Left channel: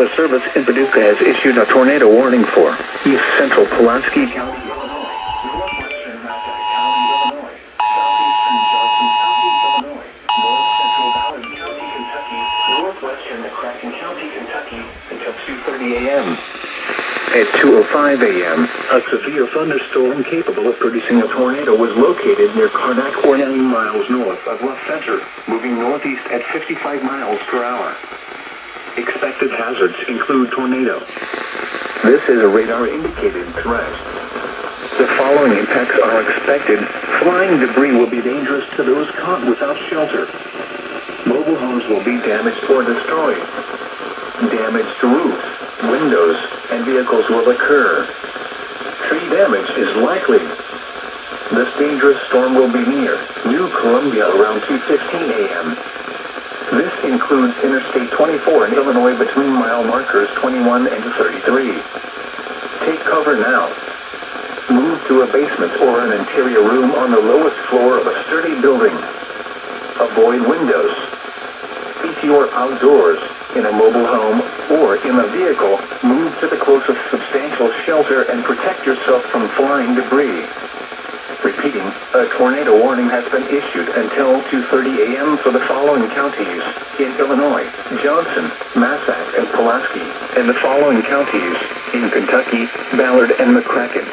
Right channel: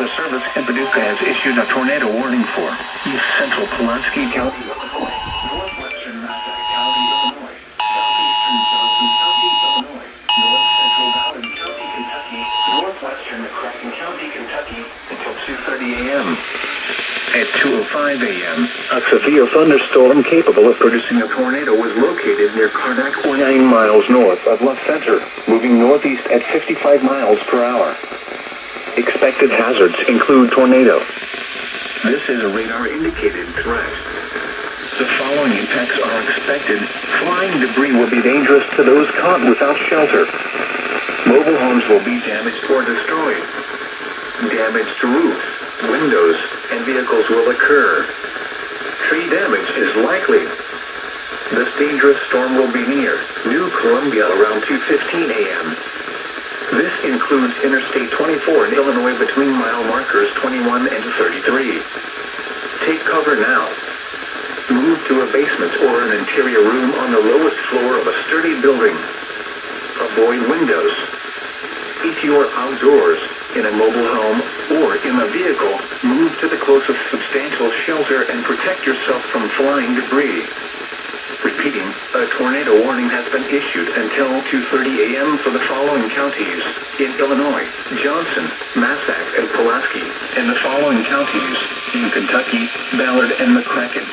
Weather Service in Paducah has issued a tornado warning for East Central Pulaski County, Illinois, Northwestern Massachusetts County, Illinois, Southeastern Johnson County, Illinois, North Central Ballard County, Kentucky, Northwestern McCracken County, Kentucky, until 2:30 a.m. At 2:05 a.m., a severe thunderstorm capable of producing a tornado was located near Karnak, 49 miles north of Love Center, moving northeast at 55 miles per hour. Expected hazards include tornado. This is a radar-indicated threat. The following impacts are expected. Flying debris will be dangerous to those caught without shelter. Mobile homes will be damaged or destroyed. Damage to roofs, windows, and vehicles will occur. Tree damage is likely. This dangerous storm will be near New Columbia around 2:15 a.m. This includes Interstate 24 in Illinois between mile markers 21 and 33. Take cover now. Move to a basement or an interior room on the lowest floor of a sturdy building. Avoid windows. If you are outdoors, in a mobile home, or in a vehicle, move to the closest substantial shelter and protect yourself from flying debris. Repeating, a tornado warning has been issued until 2:30 a.m. for the following counties in Illinois: Johnson, Massac, and Pulaski, and the following counties in Kentucky: Ballard and McCracken.